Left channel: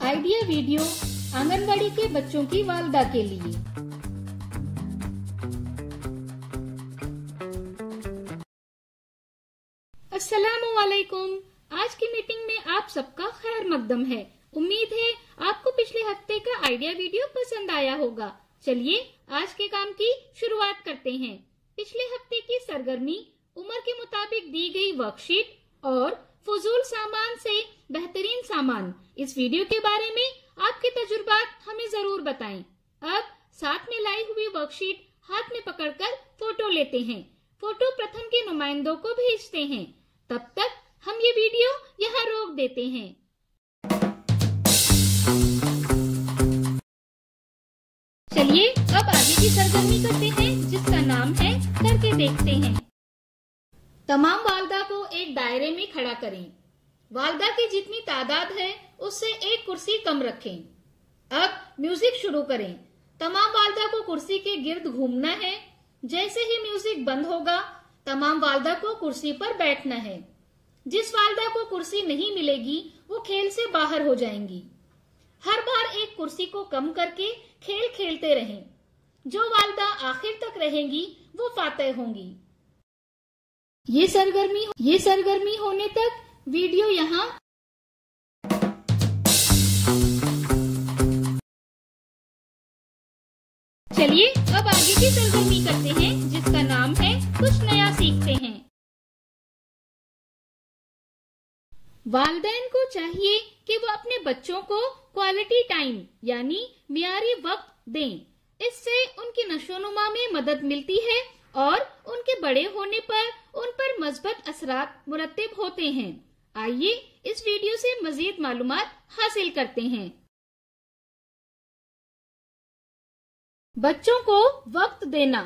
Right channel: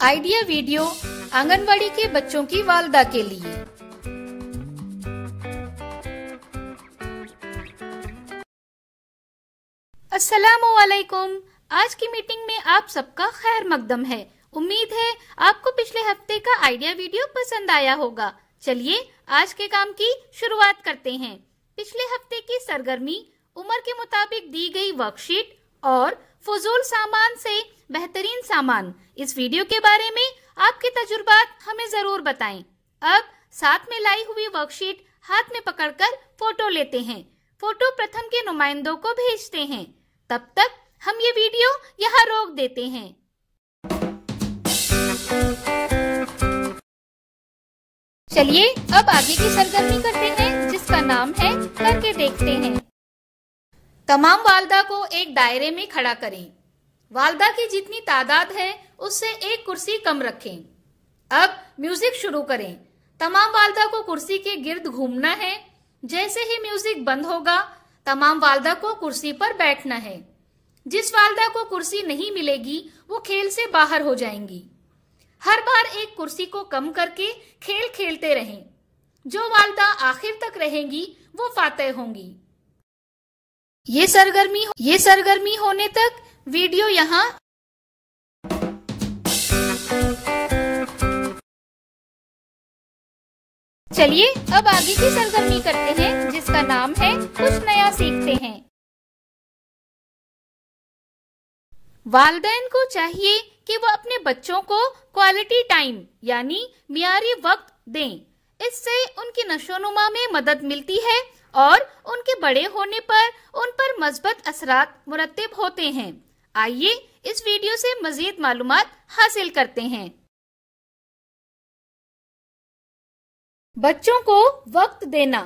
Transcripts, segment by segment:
Idea video anganwadi के बच्चों की वालदा के लिए। अस्सलामुअलैकुम। आज की मीटिंग में आप सबका खैर मकदम है। उम्मीद है आपको पिछले हफ्ते का आइडिया वीडियो पसंद आया होगा। चलिए आज के काम की शुरुआत करते हैं। पिछले हफ्ते की सरगर्मी उम्र के मुताबिक दी गई वर्कशीट और फजूल सामान से बेहतरीन सामान, इस वीडियो के बारे में आपके तजुर्बात हमें जरूर बताएं। अब साथ में लाई हुई वर्कशीट हाथ में पकड़कर फोटो लेते हैं। फोटो प्रथम के नुमाइंदों को भेजते हैं। तब तक हम ये वीडियो यहाँ रोक देते हैं। चलिए अब आगे की सरगर्मी करते हैं, जिसका नाम है करके देखते हैं। तमाम वालदा को एक दायरे में खड़ा करें। वालदा की जितनी तादाद है उससे एक कुर्सी कम रखें। अब म्यूजिक शुरू करें। तमाम वालदा को कुर्सी के गिर्द घूमना है। जैसे ही म्यूजिक बंद होगा तमाम वालदा को कुर्सी पर बैठना है। जिस वालदा को कुर्सी नहीं मिलेगी वो खेल से बाहर हो जाएंगी। हर बार एक कुर्सी को कम करके खेल खेलते रहें। जो वालदा आखिर तक रहेंगी वो फातेह होंगी। ये सरगर्मी होने तक वीडियो यहाँ चलिए अब आगे की सरगर्मी करते हैं, जिसका नाम है कुछ नया सीखते हैं। वालिदैन को चाहिए कि वो अपने बच्चों को क्वालिटी टाइम यानी मियारी वक्त दें। इससे उनकी नशोनुमा में मदद मिलती है और उनके बड़े होने पर उन पर मस्बत असरात मुरत्तिब होते हैं। आइए इस वीडियो से मजीद मालूमात हासिल करते हैं। बच्चों को वक्त देना।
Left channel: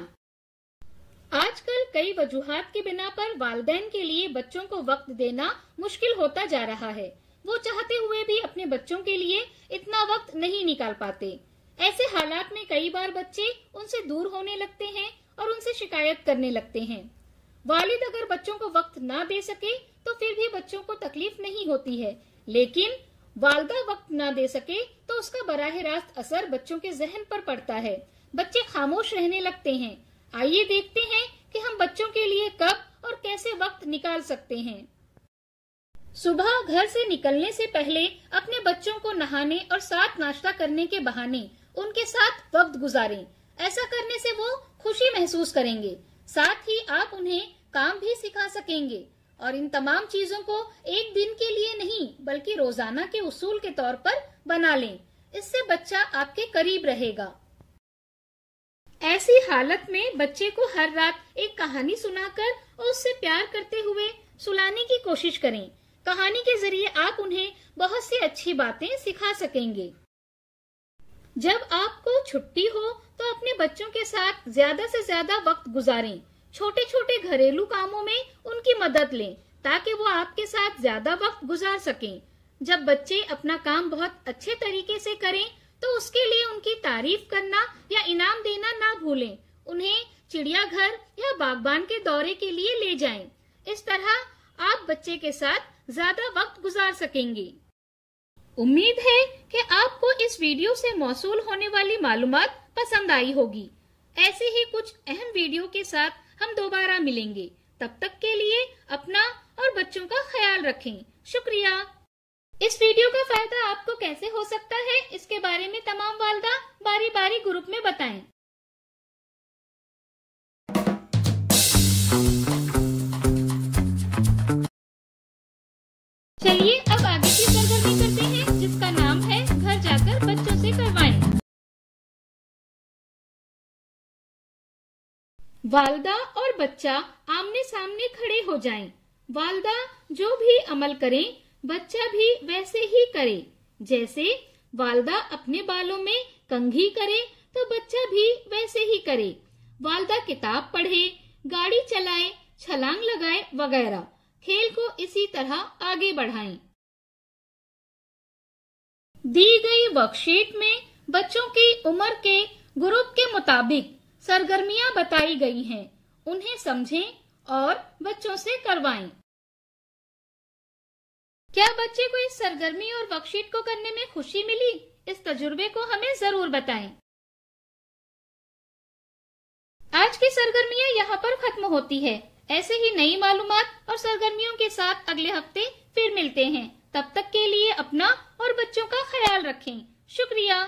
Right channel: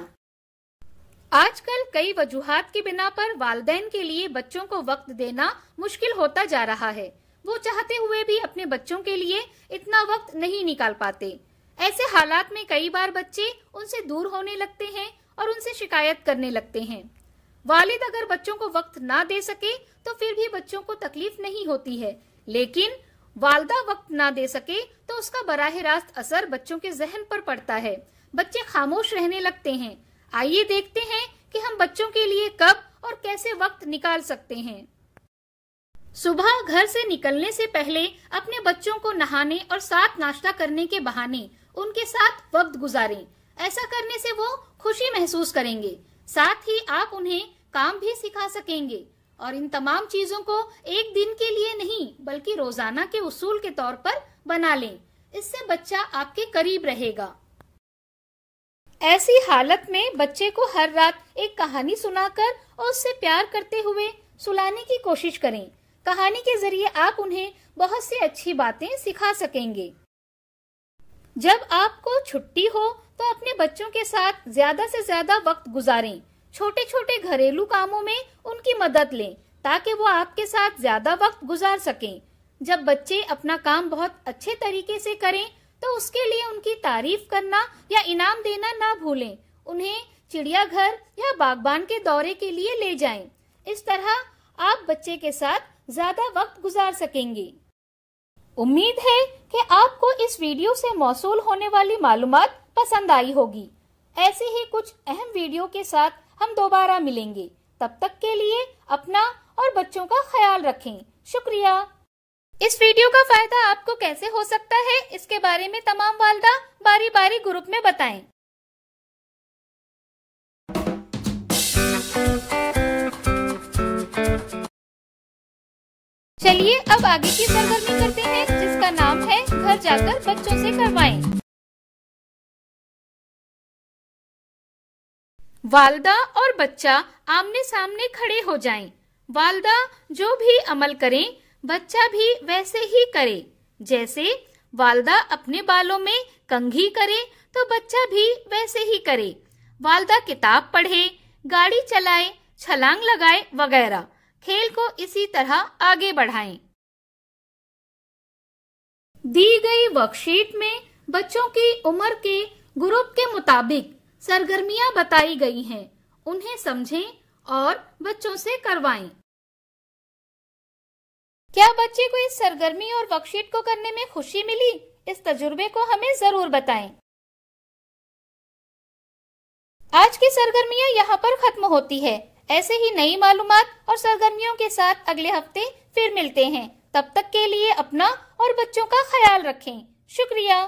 आजकल कई वजूहात की बिना पर वालिदैन के लिए बच्चों को वक्त देना मुश्किल होता जा रहा है। वो चाहते हुए भी अपने बच्चों के लिए इतना वक्त नहीं निकाल पाते। ऐसे हालात में कई बार बच्चे उनसे दूर होने लगते हैं और उनसे शिकायत करने लगते हैं। वालिद अगर बच्चों को वक्त ना दे सके तो फिर भी बच्चों को तकलीफ नहीं होती है, लेकिन वालदा वक्त ना दे सके तो उसका बराह रास्त असर बच्चों के जहन पर पड़ता है। बच्चे खामोश रहने लगते हैं। आइए देखते हैं कि हम बच्चों के लिए कब और कैसे वक्त निकाल सकते हैं। सुबह घर से निकलने से पहले अपने बच्चों को नहाने और साथ नाश्ता करने के बहाने उनके साथ वक्त गुजारें। ऐसा करने से वो खुशी महसूस करेंगे। साथ ही आप उन्हें काम भी सिखा सकेंगे और इन तमाम चीजों को एक दिन के लिए नहीं बल्कि रोजाना के उसूल के तौर पर बना लें। इससे बच्चा आपके करीब रहेगा। ऐसी हालत में बच्चे को हर रात एक कहानी सुनाकर और उससे प्यार करते हुए सुलाने की कोशिश करें। कहानी के जरिए आप उन्हें बहुत सी अच्छी बातें सिखा सकेंगे। जब आपको छुट्टी हो तो अपने बच्चों के साथ ज्यादा से ज्यादा वक्त गुजारें। छोटे छोटे घरेलू कामों में उनकी मदद लें ताकि वो आपके साथ ज्यादा वक्त गुजार सकें। जब बच्चे अपना काम बहुत अच्छे तरीके से करें तो उसके लिए उनकी तारीफ करना या इनाम देना ना भूलें। उन्हें चिड़ियाघर या बागबान के दौरे के लिए ले जाएं। इस तरह आप बच्चे के साथ ज्यादा वक्त गुजार सकेंगे। उम्मीद है कि आपको इस वीडियो से मौसूल होने वाली मालूमात पसंद आई होगी। ऐसे ही कुछ अहम वीडियो के साथ हम दोबारा मिलेंगे। तब तक के लिए अपना और बच्चों का ख्याल रखें। शुक्रिया। इस वीडियो का फायदा आपको कैसे हो सकता है, इसके बारे में तमाम वालिदा बारी बारी ग्रुप में बताएं। चलिए अब आगे की सरगर्मी करते हैं, जिसका नाम है घर जाकर बच्चों से करवाएं। वालिदा और बच्चा आमने सामने खड़े हो जाएं। वालिदा जो भी अमल करें बच्चा भी वैसे ही करे। जैसे वालिदा अपने बालों में कंघी करे तो बच्चा भी वैसे ही करे। वालिदा किताब पढ़े, गाड़ी चलाए, छलांग लगाए वगैरह। खेल को इसी तरह आगे बढ़ाएं। दी गई वर्कशीट में बच्चों की उम्र के ग्रुप के मुताबिक सरगर्मियां बताई गई हैं। उन्हें समझें और बच्चों से करवाएं। क्या बच्चे को इस सरगर्मी और वर्कशीट को करने में खुशी मिली? इस तजुर्बे को हमें जरूर बताएं। आज की सरगर्मियां यहाँ पर खत्म होती है। ऐसे ही नई मालूमात और सरगर्मियों के साथ अगले हफ्ते फिर मिलते हैं। तब तक के लिए अपना और बच्चों का ख्याल रखें। शुक्रिया।